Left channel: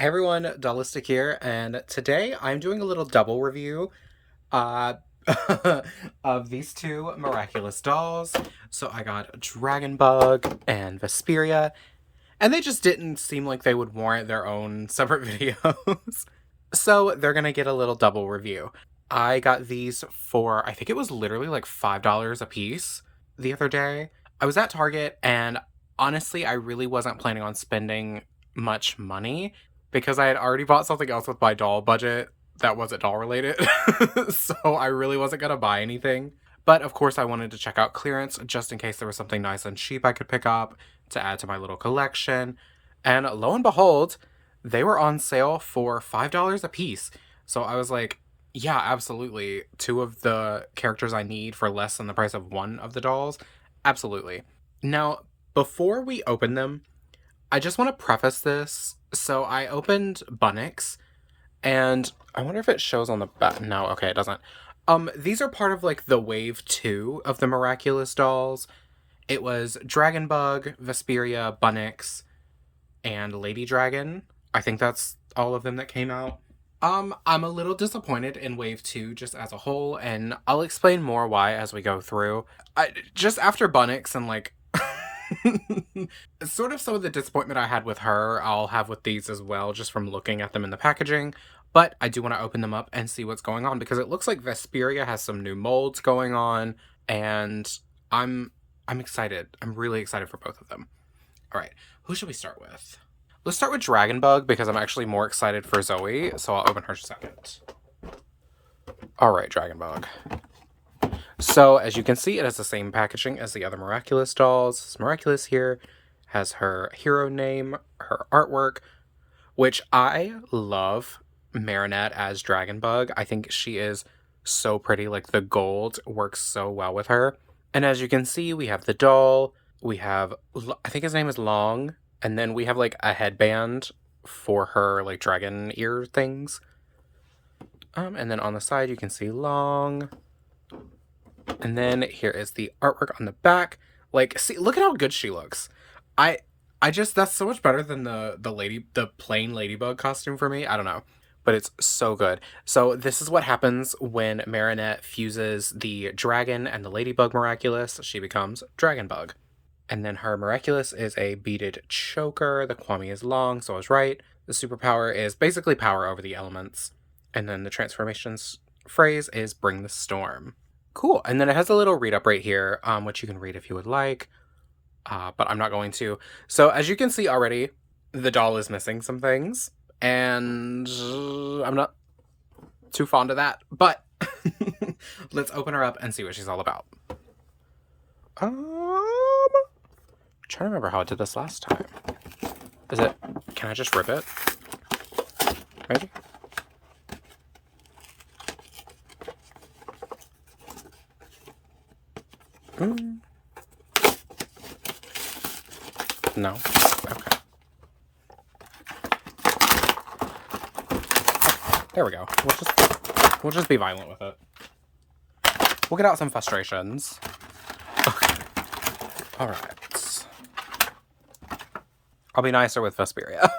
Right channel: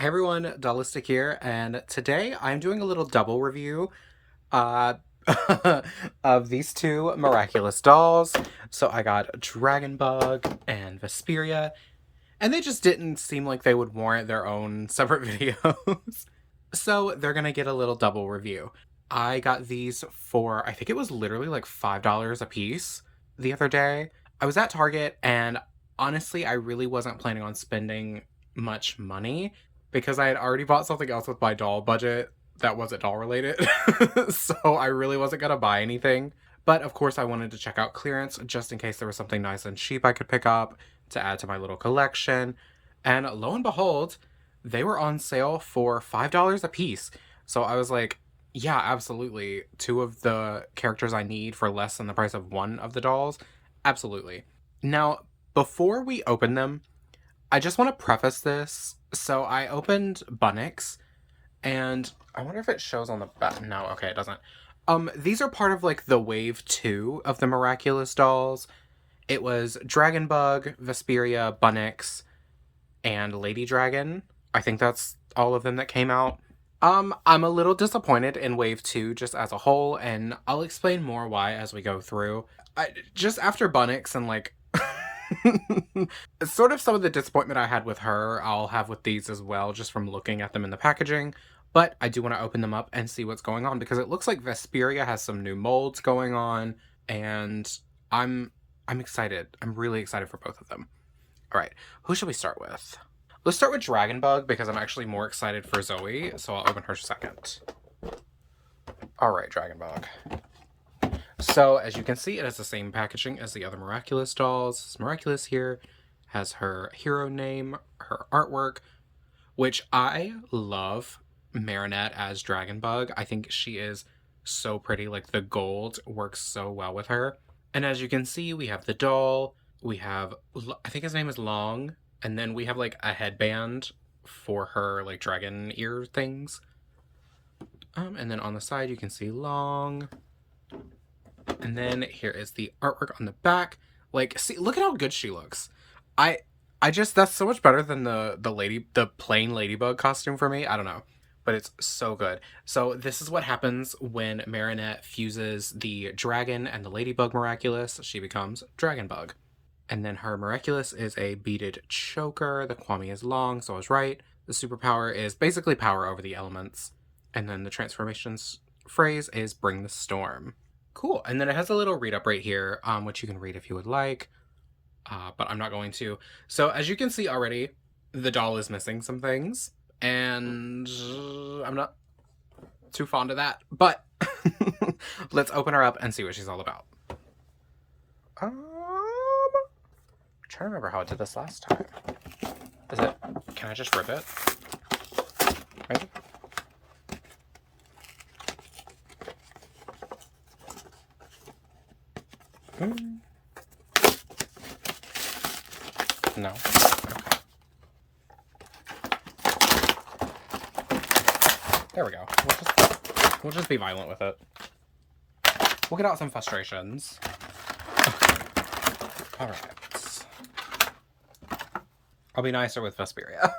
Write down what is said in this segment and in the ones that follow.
Hey everyone, Dollistic here, and today I'm doing a little double review uh, of these two miraculous dolls. So I got Dragonbug and Vesperia, and they just didn't seem like they would warrant their own separate videos. So they're gonna get a little double review. I got these for, I think it was literally like $5 a piece the other day. I was at Target, and honestly, I really wasn't planning on spending much money because I had already bought something else with my doll budget that wasn't doll related. So I really wasn't gonna buy anything. But of course, I wanted to check out clearance just in case there was something nice and cheap I could pick up to add to my little collection. And lo and behold, they were on sale for $5 a piece. So I was like, yeah, absolutely. Two of the characters I need for less than the price of one of the dolls. Absolutely. Now, before we open them, I just want to preface this. So I opened Bunnix, and I wonder if it shows on the back. No, okay, it doesn't. These are part of like the wave 2 of the Miraculous dolls. It was Dragonbug, Vesperia, Bunnix, and Lady Dragon. I think that's all of them that came out. I'm a little disappointed in Wave 2 just as a whole, and I'll explain more why as we go through. Just after Bunnix and like sort of some of the disappointment I had with her, I'll have with these as well, just from looking at them in the packaging. But I do want to open them up and see what's going on because it looks like Vesperia has some new molds going on, and I'm I'm excited. I'm really excited for both of them. All right, who should we start with? Let's start with Dragonbug because I'm actually more excited for Zoe, so I'll open her second. All right, Dragonbug. So, as you can see, it has the same packaging as the other Miraculous dolls. Miraculous here has her hero name, her artwork, which I love Marinette as Dragonbug. I think she is so pretty. Like, the gold works so well with her. And as you can see, we have the doll. We have, I think his name is Long. And then we have, like, a headband for her, like, dragon ear things. And then on the side, you can see Long. And then here is the artwork on the back. Like, see, look at how good she looks. I I just, that's so much better than the plain ladybug costume for me. I don't know, but it's so good. So this is what happens when Marinette fuses the dragon and the ladybug miraculous. She becomes Dragonbug. And then her miraculous is a beaded choker. The Kwami is long, so I was right. The superpower is basically power over the elements. And then the transformations phrase is bring the storm. Cool. And then it has a little read up right here, which you can read if you would like, but I'm not going to. So as you can see already, the doll is missing some things, and I'm not too fond of that, but let's open her up and see what she's all about. I'm trying to remember how I did this last time. Can I just rip it? Maybe? No. Okay. There we go. We'll just be violent with it. We'll get out some frustrations. Okay. All right. I'll be nicer with Vesperia.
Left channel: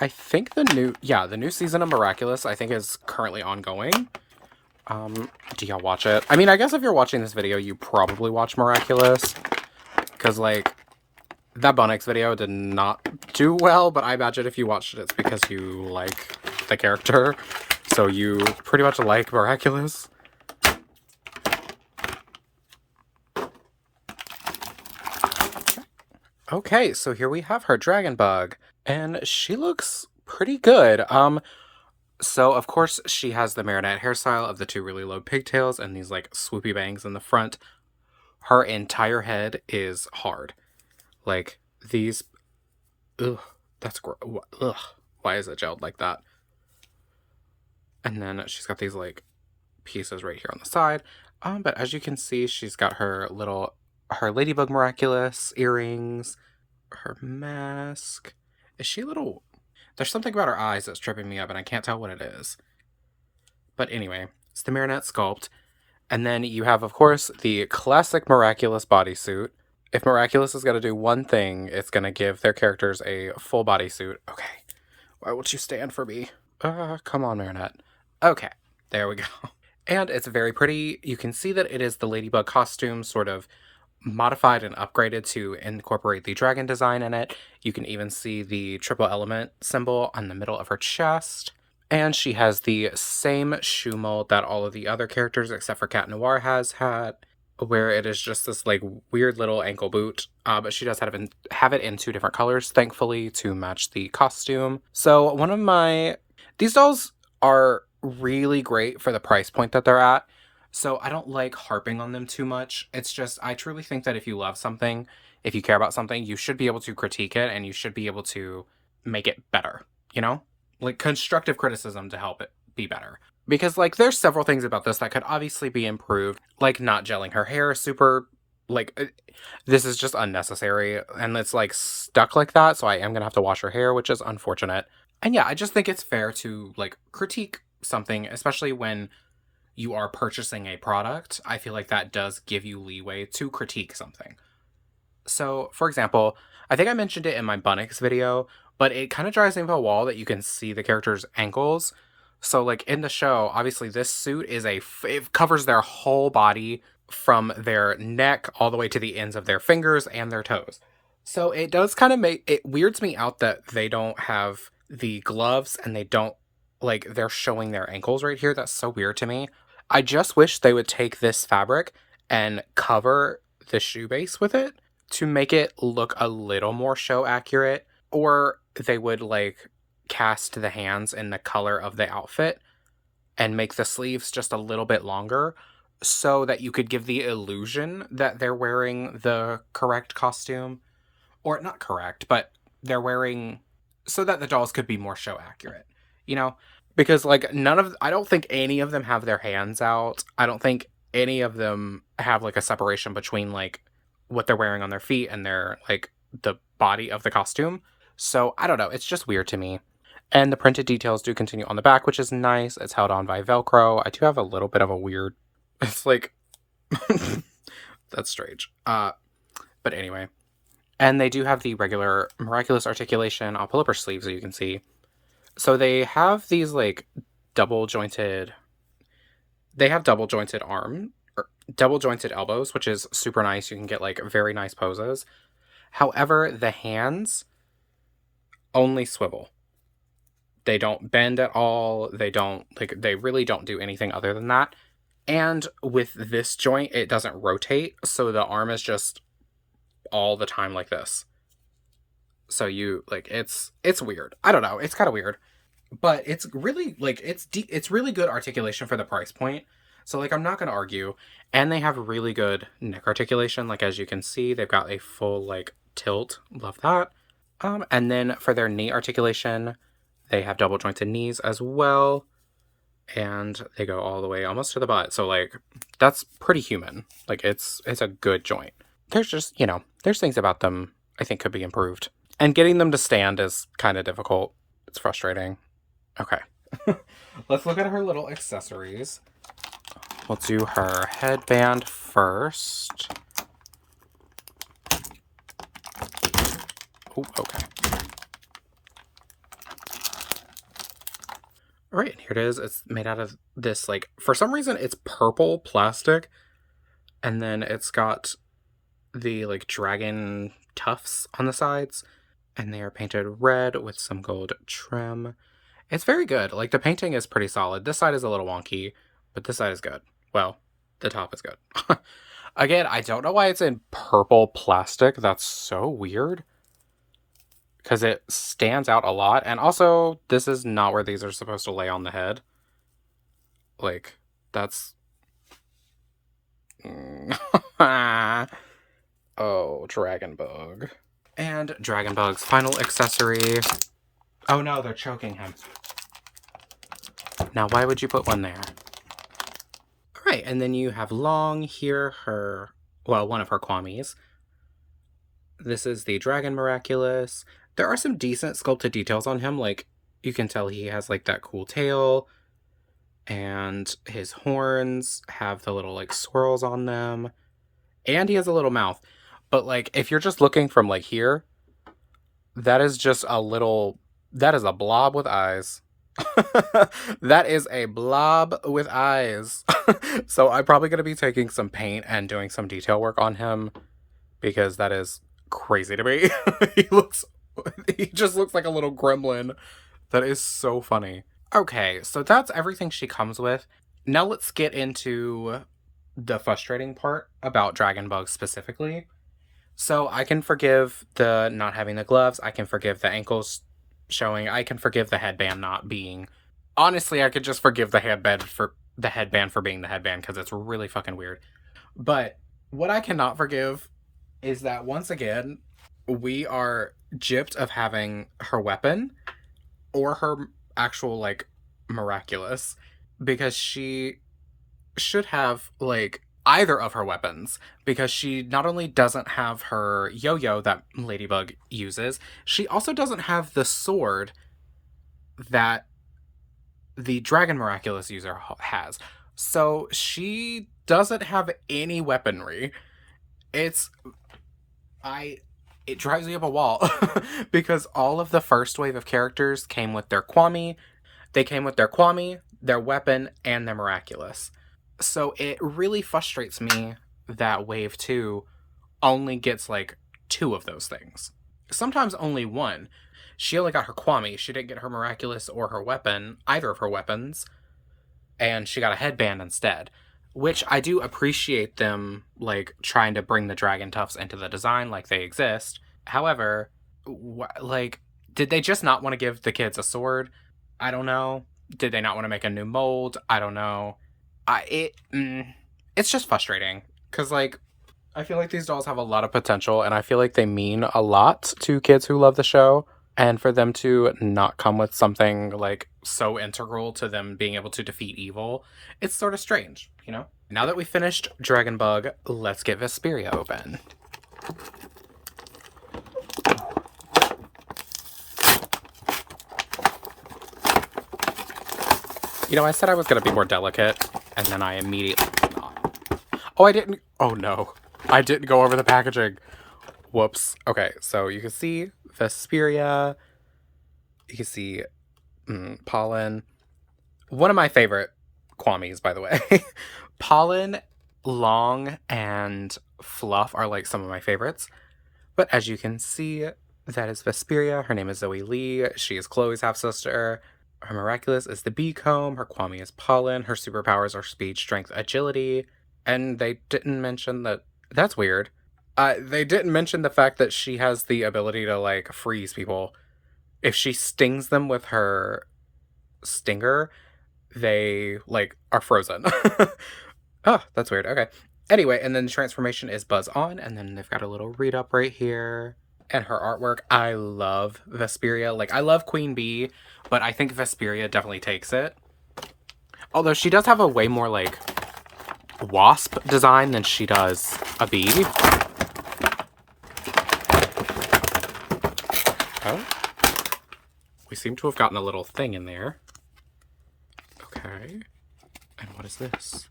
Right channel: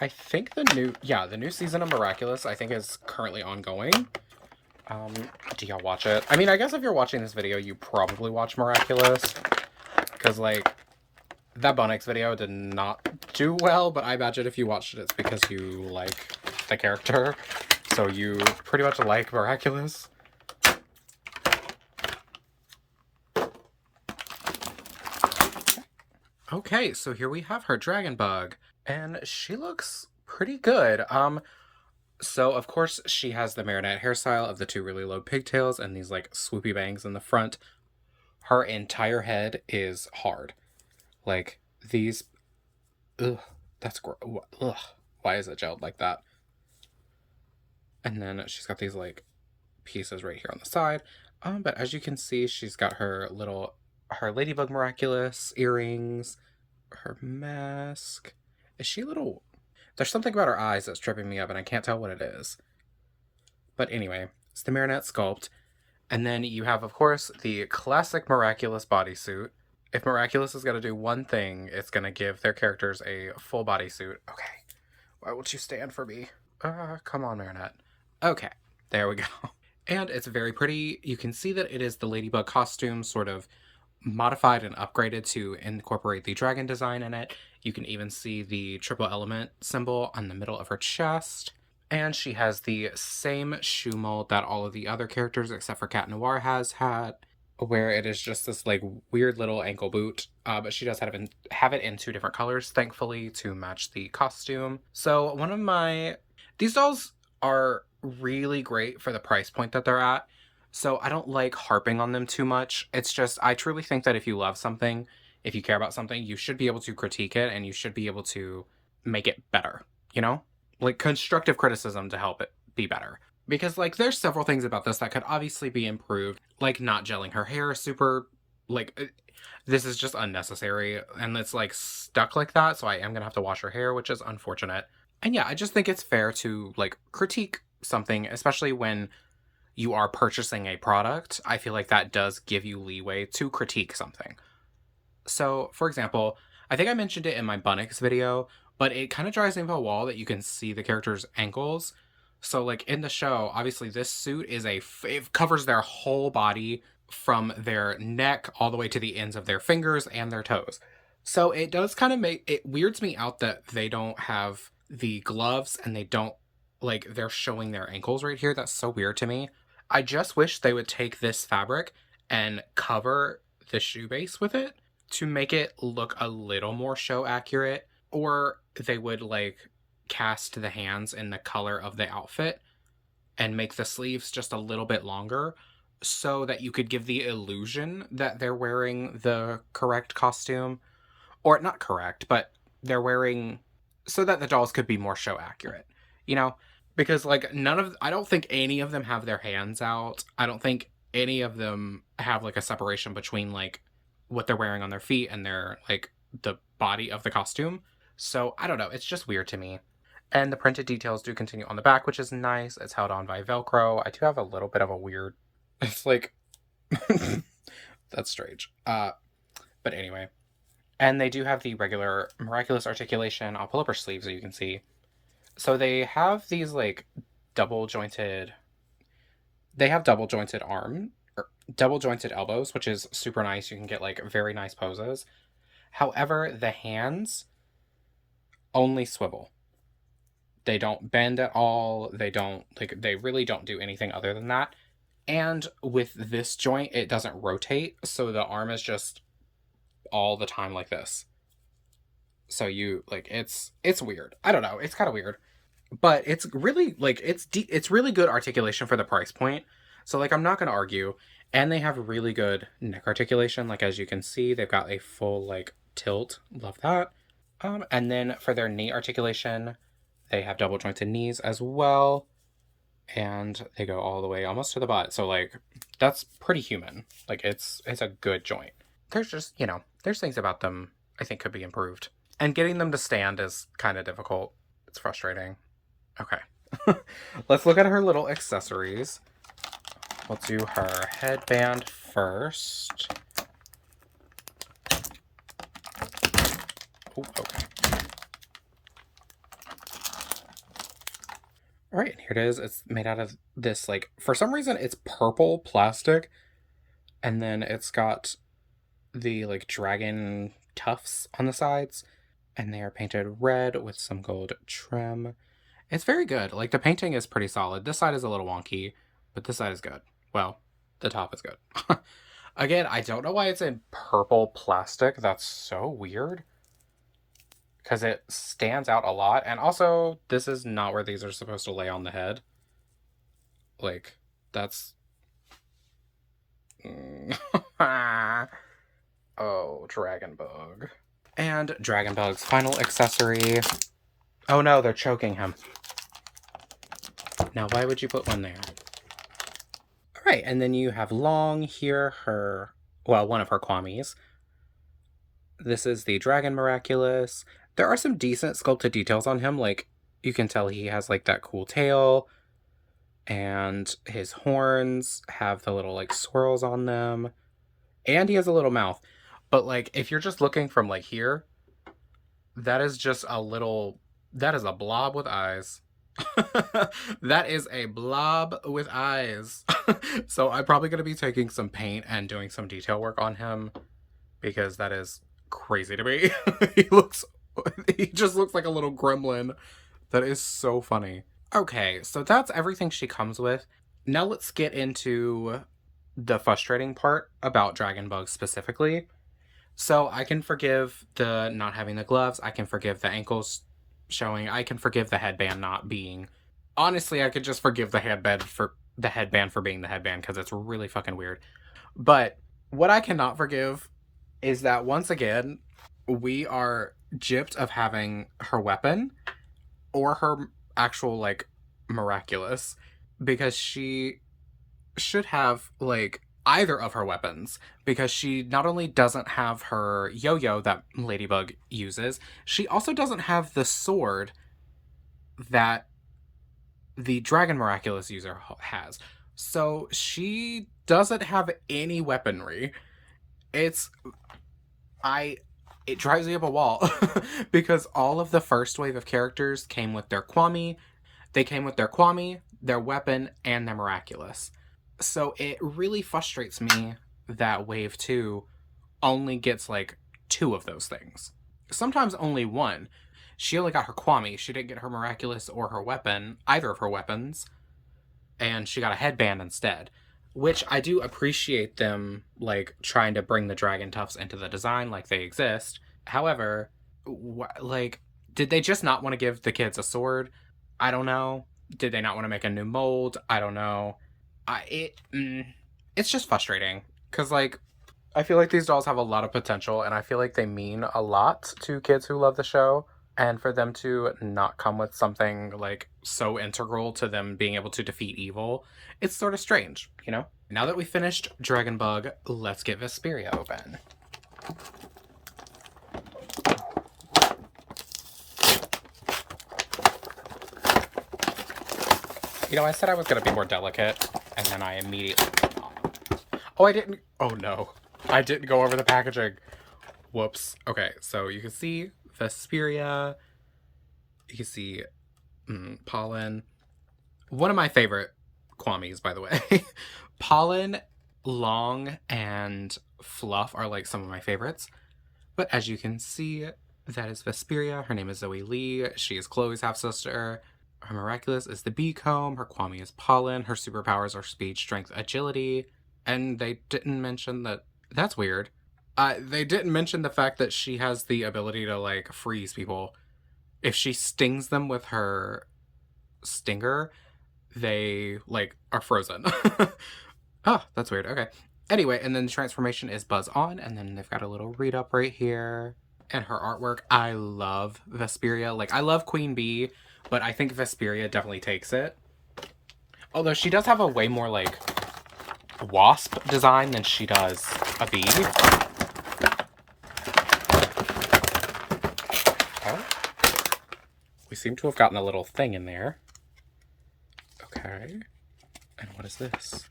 I think the new season of Miraculous, I think, is currently ongoing. Do y'all watch it? I mean, I guess if you're watching this video, you probably watch Miraculous. Because, like, that Bunnix video did not do well, but I imagine if you watched it, it's because you like the character. So you pretty much like Miraculous. Okay, so here we have her Dragonbug. And she looks pretty good. So of course she has the Marinette hairstyle of the two really low pigtails and these like swoopy bangs in the front. Her entire head is hard. Like these, ugh, that's gross. Ugh, why is it gelled like that? And then she's got these like pieces right here on the side. But as you can see, she's got her Ladybug Miraculous earrings, her mask. Is she a little... There's something about her eyes that's tripping me up, and I can't tell what it is. But anyway, it's the Marinette sculpt. And then you have, of course, the classic Miraculous bodysuit. If Miraculous is going to do one thing, it's going to give their characters a full bodysuit. Okay. Why won't you stand for me? Come on, Marinette. Okay. There we go. And it's very pretty. You can see that it is the Ladybug costume sort of modified and upgraded to incorporate the dragon design in it. You can even see the triple element symbol on the middle of her chest. And she has the same shoe mold that all of the other characters except for Cat Noir has had, where it is just this like weird little ankle boot. But she does have it in 2 different colors, thankfully, to match the costume. So these dolls are really great for the price point that they're at. So I don't like harping on them too much. It's just, I truly think that if you love something, if you care about something, you should be able to critique it and you should be able to make it better, you know? Like constructive criticism to help it be better. Because like there's several things about this that could obviously be improved, like not gelling her hair super, this is just unnecessary and it's like stuck like that, so I am gonna have to wash her hair, which is unfortunate. And yeah, I just think it's fair to like critique something, especially when you are purchasing a product. I feel like that does give you leeway to critique something. So, for example, I think I mentioned it in my Bunnix video, but it kind of drives me up a wall that you can see the character's ankles. So, like in the show, obviously this suit it covers their whole body from their neck all the way to the ends of their fingers and their toes. So it does kind of it weirds me out that they don't have the gloves and they're showing their ankles right here. That's so weird to me. I just wish they would take this fabric and cover the shoe base with it to make it look a little more show accurate, or they would like cast the hands in the color of the outfit and make the sleeves just a little bit longer so that you could give the illusion that they're wearing the correct costume, or not correct, but they're wearing so that the dolls could be more show accurate, you know? Because like I don't think any of them have their hands out. I don't think any of them have like a separation between like what they're wearing on their feet and their like the body of the costume. So I don't know, it's just weird to me. And the printed details do continue on the back, which is nice. It's held on by Velcro. I do have a little bit of a weird, it's like, that's strange. But anyway. And they do have the regular Miraculous articulation. I'll pull up her sleeves so you can see. So they have these like double jointed double jointed elbows, which is super nice. You can get like very nice poses. However, the hands only swivel. They don't bend at all. They really don't do anything other than that. And with this joint, it doesn't rotate. So the arm is just all the time like this. So it's weird. I don't know. It's kind of weird, but it's really like, it's really good articulation for the price point. So like, I'm not going to argue. And they have really good neck articulation. Like, as you can see, they've got a full like tilt. Love that. And then for their knee articulation, they have double jointed knees as well. And they go all the way almost to the butt. So like, that's pretty human. Like it's a good joint. There's just, there's things about them I think could be improved. And getting them to stand is kind of difficult. It's frustrating. Okay. Let's look at her little accessories. We'll do her headband first. Ooh, okay. All right, here it is. It's made out of this, like, for some reason, it's purple plastic. And then it's got the, like, dragon tufts on the sides. And they are painted red with some gold trim. It's very good. Like, the painting is pretty solid. This side is a little wonky, but this side is good. Well, the top is good. Again, I don't know why it's in purple plastic. That's so weird. Because it stands out a lot. And also, this is not where these are supposed to lay on the head. Like, that's... Oh, Dragonbug. And Dragonbug's final accessory. Oh no, they're choking him. Now, why would you put one there? Alright, and then you have Long here, one of her Kwamis. This is the Dragon Miraculous. There are some decent sculpted details on him, like You can tell he has like that cool tail, and his horns have the little like swirls on them, and he has a little mouth. But like if you're just looking from like here, that is just a little, that is a blob with eyes. That is a blob with eyes. So I'm probably going to be taking some paint and doing some detail work on him because that is crazy to me. he looks he just looks like a little gremlin. That is so funny. Okay, so that's everything she comes with. Now let's get into the frustrating part about Dragonbug specifically. So I can forgive the not having the gloves. I can forgive the ankles showing. I can forgive the headband not being. Honestly, I could just forgive the headband for being the headband because it's really fucking weird. But what I cannot forgive is that once again, we are gypped of having her weapon or her actual like miraculous, because she should have like either of her weapons, because she not only doesn't have her yo-yo that Ladybug uses, she also doesn't have the sword that the Dragon Miraculous user has. So she doesn't have any weaponry. It's it drives me up a wall because all of the first wave of characters came with their Kwami. They came with their Kwami, their weapon, and their Miraculous. So it really frustrates me that Wave 2 only gets like 2 of those things. Sometimes only 1. She only got her Kwami. She didn't get her Miraculous or her weapon, either of her weapons, and she got a headband instead. Which I do appreciate them like trying to bring the dragon tufts into the design like they exist. However, like, did they just not want to give the kids a sword? I don't know. Did they not want to make a new mold? I don't know. It's just frustrating because like I feel like these dolls have a lot of potential, and I feel like they mean a lot to kids who love the show. And for them to not come with something like so integral to them being able to defeat evil, it's sort of strange, you know? Now that we finished Dragonbug, let's get Vesperia open. You know, I said I was going to be more delicate, and then I immediately... Oh, I didn't... Oh, no. I didn't go over the packaging. Whoops. Okay, so you can see Vesperia. You can see Pollen. One of my favorite Kwamis, by the way. Pollen, Long, and Fluff are like some of my favorites. But as you can see, that is Vesperia. Her name is Zoe Lee. She is Chloe's half-sister. Her Miraculous is the Bee Comb. Her Kwami is Pollen. Her superpowers are speed, strength, agility. And they didn't mention that... That's weird. They didn't mention the fact that she has the ability to, like, freeze people. If she stings them with her stinger, they, like, are frozen. Oh, that's weird. Okay. Anyway, and then the transformation is Buzz On, and then they've got a little read-up right here. And her artwork, I love Vesperia. Like, I love Queen Bee, but I think Vesperia definitely takes it. Although she does have a way more, like, wasp design than she does a bee. Okay. We seem to have gotten a little thing in there. Okay. And what is this?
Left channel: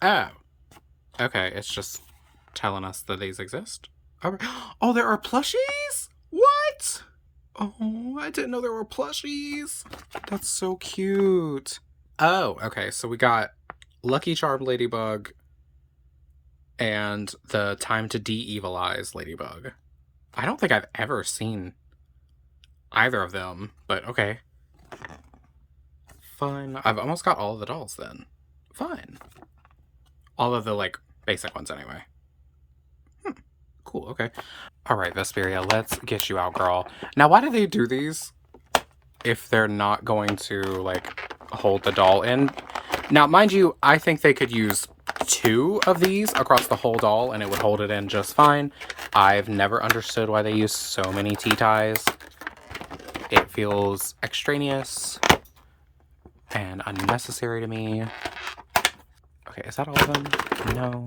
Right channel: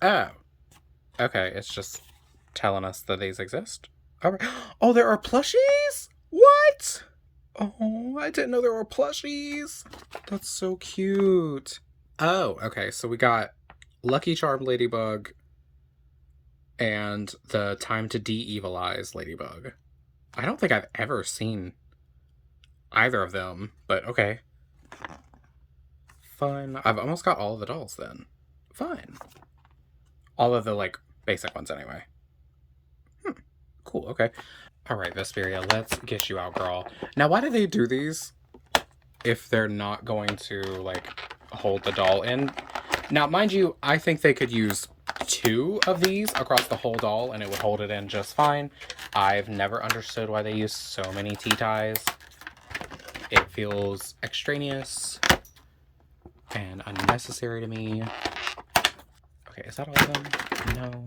Oh. Okay, it's just telling us that these exist. All right. Oh, there are plushies? What? Oh, I didn't know there were plushies. That's so cute. Oh, okay, so we got Lucky Charm Ladybug and the Time to De-Evilize Ladybug. I don't think I've ever seen either of them, but okay. Fun. I've almost got all of the dolls then. Fine. All of the, like, basic ones anyway. Cool, okay. Alright, Vesperia, let's get you out, girl. Now, why do they do these if they're not going to, like, hold the doll in? Now, mind you, I think they could use 2 of these across the whole doll and it would hold it in just fine. I've never understood why they use so many T-ties. It feels extraneous and unnecessary to me. Okay, is that all of them? No.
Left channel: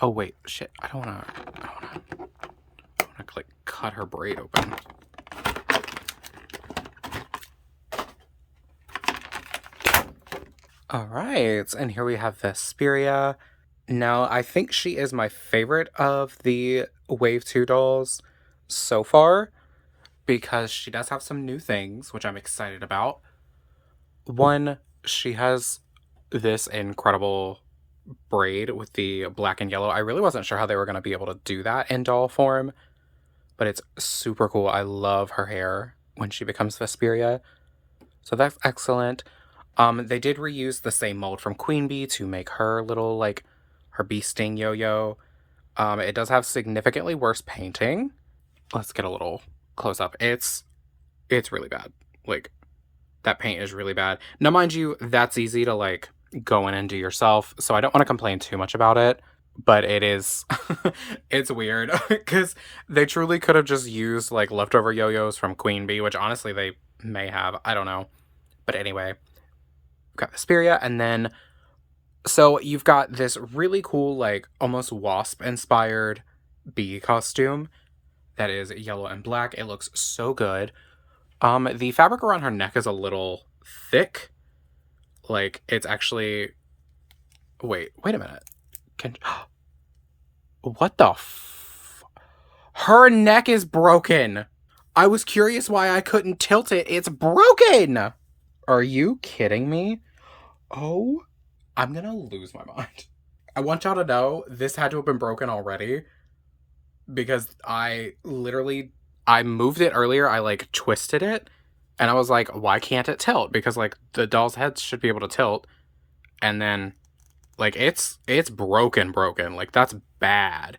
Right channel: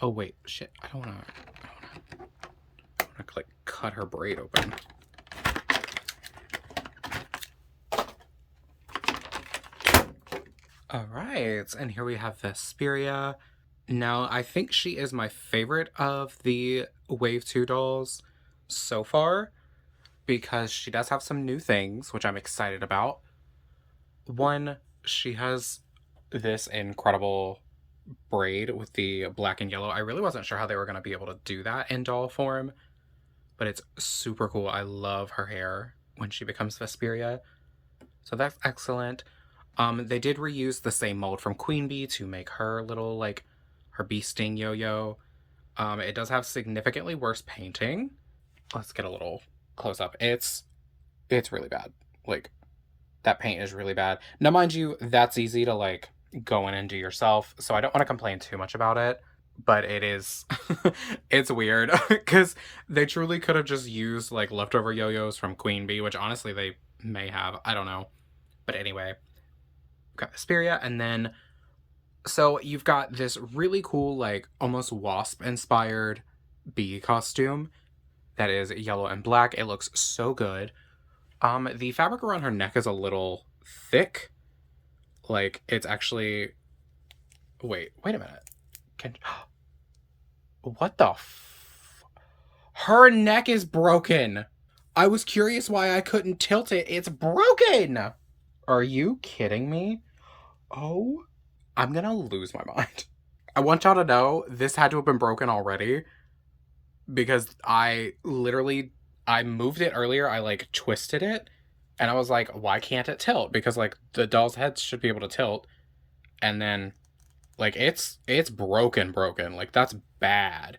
Oh, wait, shit. I don't wanna, like, cut her braid open. All right, and here we have Vesperia. Now, I think she is my favorite of the Wave 2 dolls so far because she does have some new things, which I'm excited about. One, she has this incredible braid with the black and yellow. I really wasn't sure how they were going to be able to do that in doll form, but it's super cool. I love her hair when she becomes Vesperia. So that's excellent. They did reuse the same mold from Queen Bee to make her little, like, her bee sting yo-yo. It does have significantly worse painting. Let's get a little close up. It's really bad. Like, that paint is really bad. Now, mind you, that's easy to, like, go in and do yourself, so I don't want to complain too much about it, but it is, it's weird, because they truly could have just used, like, leftover yo-yos from Queen Bee, which honestly they may have. I don't know. But anyway, we've got Vesperia, and then so you've got this really cool, like, almost wasp-inspired bee costume that is yellow and black. It looks so good. The fabric around her neck is a little thick. Like, it's actually... Wait a minute. Can... What the Her neck is broken! I was curious why I couldn't tilt it. It's broken! Are you kidding me? Oh, I'm gonna lose my mind. I want y'all to know this had to have been broken already because I moved it earlier. I like twisted it and I was like, why can't it tilt? Because like the doll's heads should be able to tilt. And then like it's broken. Like that's bad.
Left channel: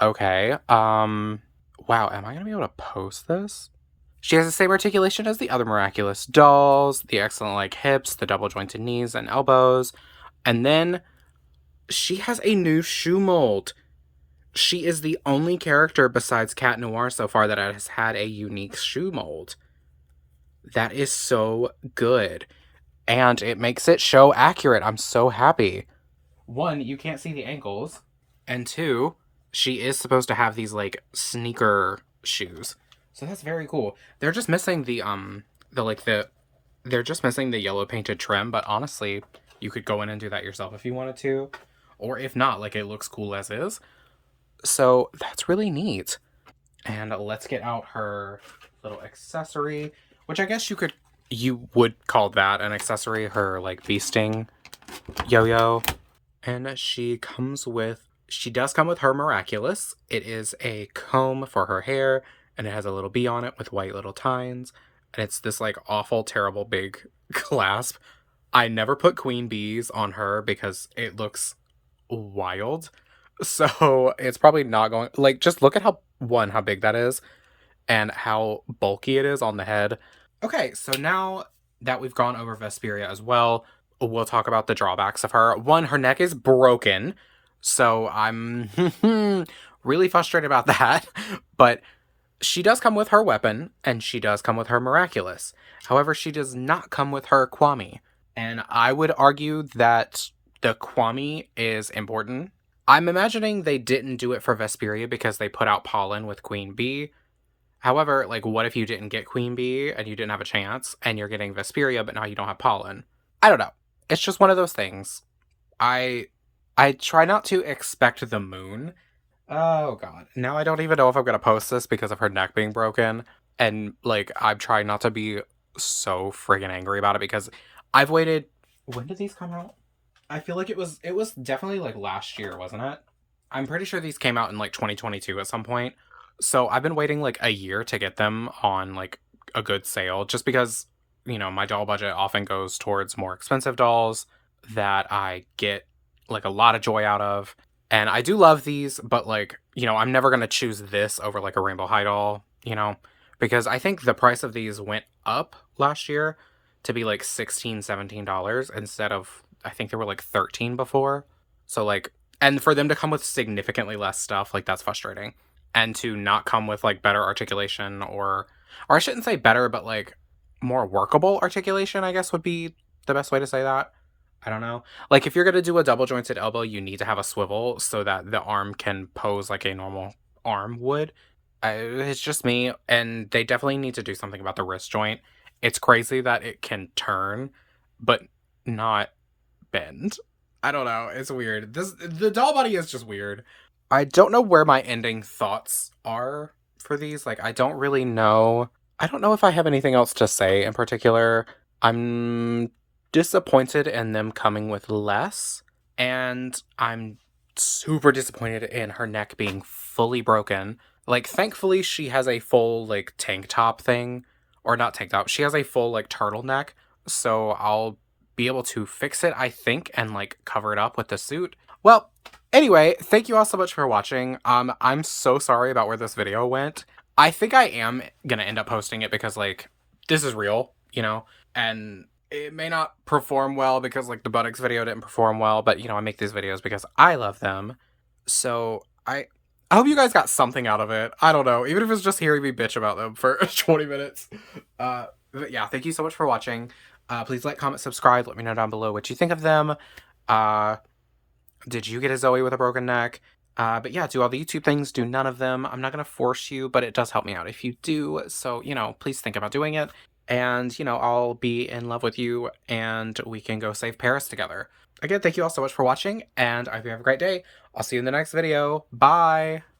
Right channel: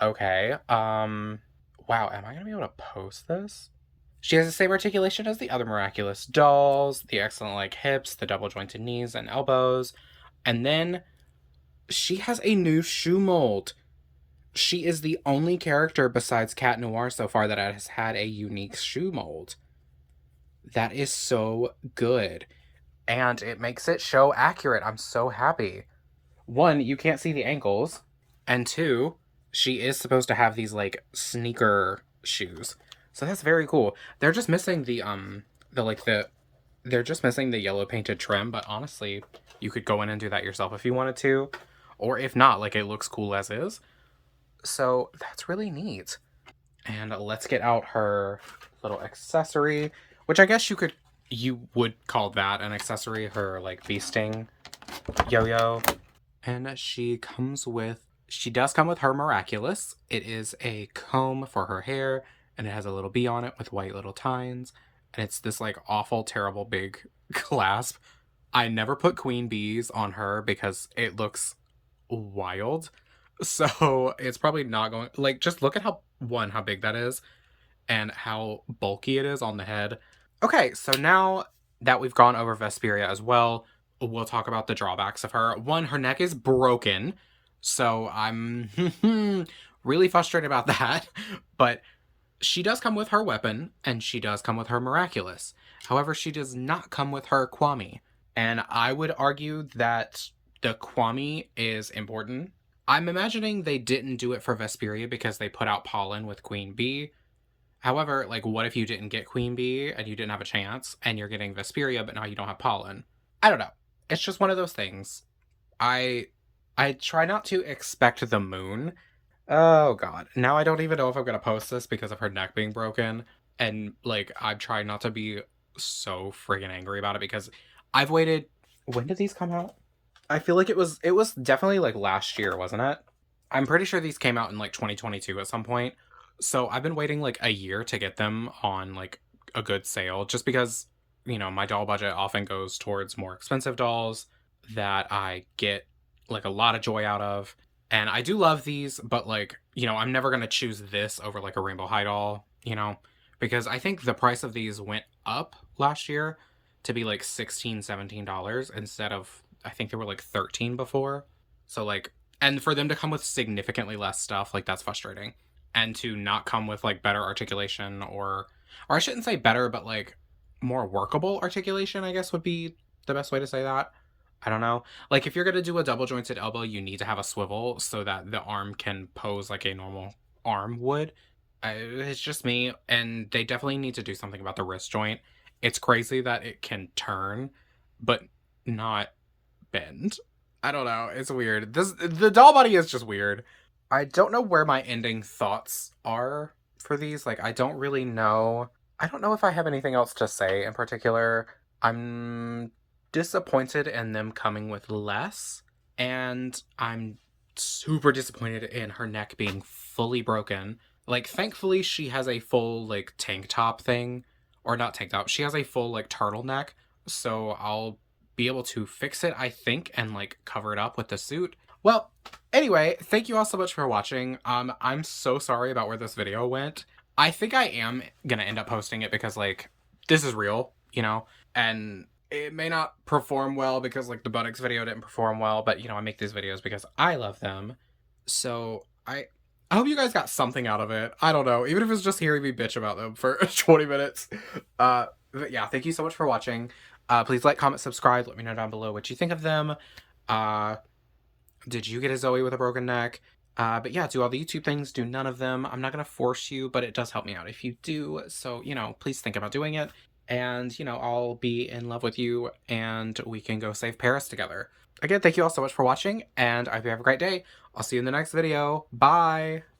Okay. Wow, am I gonna be able to post this? She has the same articulation as the other Miraculous dolls, the excellent like hips, the double jointed knees and elbows. And then she has a new shoe mold. She is the only character besides Cat Noir so far that has had a unique shoe mold. That is so good. And it makes it show accurate. I'm so happy. One, you can't see the ankles. And two, she is supposed to have these like sneaker shoes. So that's very cool. They're just missing they're just missing the yellow painted trim, but honestly, you could go in and do that yourself if you wanted to. Or if not, like it looks cool as is. So that's really neat. And let's get out her little accessory, which I guess you would call that an accessory, her like bee sting yo-yo. And she does come with her Miraculous. It is a comb for her hair, and it has a little bee on it with white little tines. And it's this like awful, terrible big clasp. I never put queen bees on her because it looks wild. So it's probably not going like just look at how big that is and how bulky it is on the head. Okay, so now that we've gone over Vesperia as well, we'll talk about the drawbacks of her. One, her neck is broken, so I'm really frustrated about that. But she does come with her weapon, and she does come with her Miraculous. However, she does not come with her Kwami. And I would argue that the Kwami is important. I'm imagining they didn't do it for Vesperia because they put out pollen with Queen Bee. However, like, what if you didn't get Queen Bee and you didn't have a chance and you're getting Vesperia, but now you don't have pollen? I don't know. It's just one of those things. I I try not to expect the moon. Oh god. Now I don't even know if I'm gonna post this because of her neck being broken. And like I'm trying not to be so friggin' angry about it because I've waited. When did these come out? I feel like it was definitely like last year, wasn't it? I'm pretty sure these came out in like 2022 at some point. So I've been waiting like a year to get them on like a good sale just because, my doll budget often goes towards more expensive dolls that I get like a lot of joy out of. And I do love these, but like, I'm never going to choose this over like a Rainbow High doll, because I think the price of these went up last year to be like $16, $17 instead of, I think they were like 13 before. So like, and for them to come with significantly less stuff, like that's frustrating. And to not come with like better articulation or I shouldn't say better, but like more workable articulation, I guess would be the best way to say that. I don't know. Like if you're going to do a double jointed elbow, you need to have a swivel so that the arm can pose like a normal arm would. It's just me, and they definitely need to do something about the wrist joint. It's crazy that it can turn, but not bend. I don't know. It's weird. The doll body is just weird. I don't know where my ending thoughts are for these. Like, I don't really know. I don't know if I have anything else to say in particular. I'm disappointed in them coming with less, and I'm super disappointed in her neck being fully broken. Like, thankfully, she has a full, like, tank top thing. Or not tank top. She has a full, like, turtleneck. So I'll be able to fix it, I think, and, like, cover it up with the suit. Well, anyway, thank you all so much for watching. I'm so sorry about where this video went. I think I am gonna end up posting it because, like, this is real, you know? And it may not perform well because, like, the Buttocks video didn't perform well, but, you know, I make these videos because I love them. So I hope you guys got something out of it. I don't know, even if it's just hearing me bitch about them for 20 minutes. But yeah, thank you so much for watching. Please like, comment, subscribe. Let me know down below what you think of them. Did you get a Zoe with a broken neck? But yeah, do all the YouTube things, do none of them. I'm not going to force you, but it does help me out if you do. So, you know, please think about doing it. And, you know, I'll be in love with you and we can go save Paris together. Again, thank you all so much for watching and I hope you have a great day. I'll see you in the next video. Bye!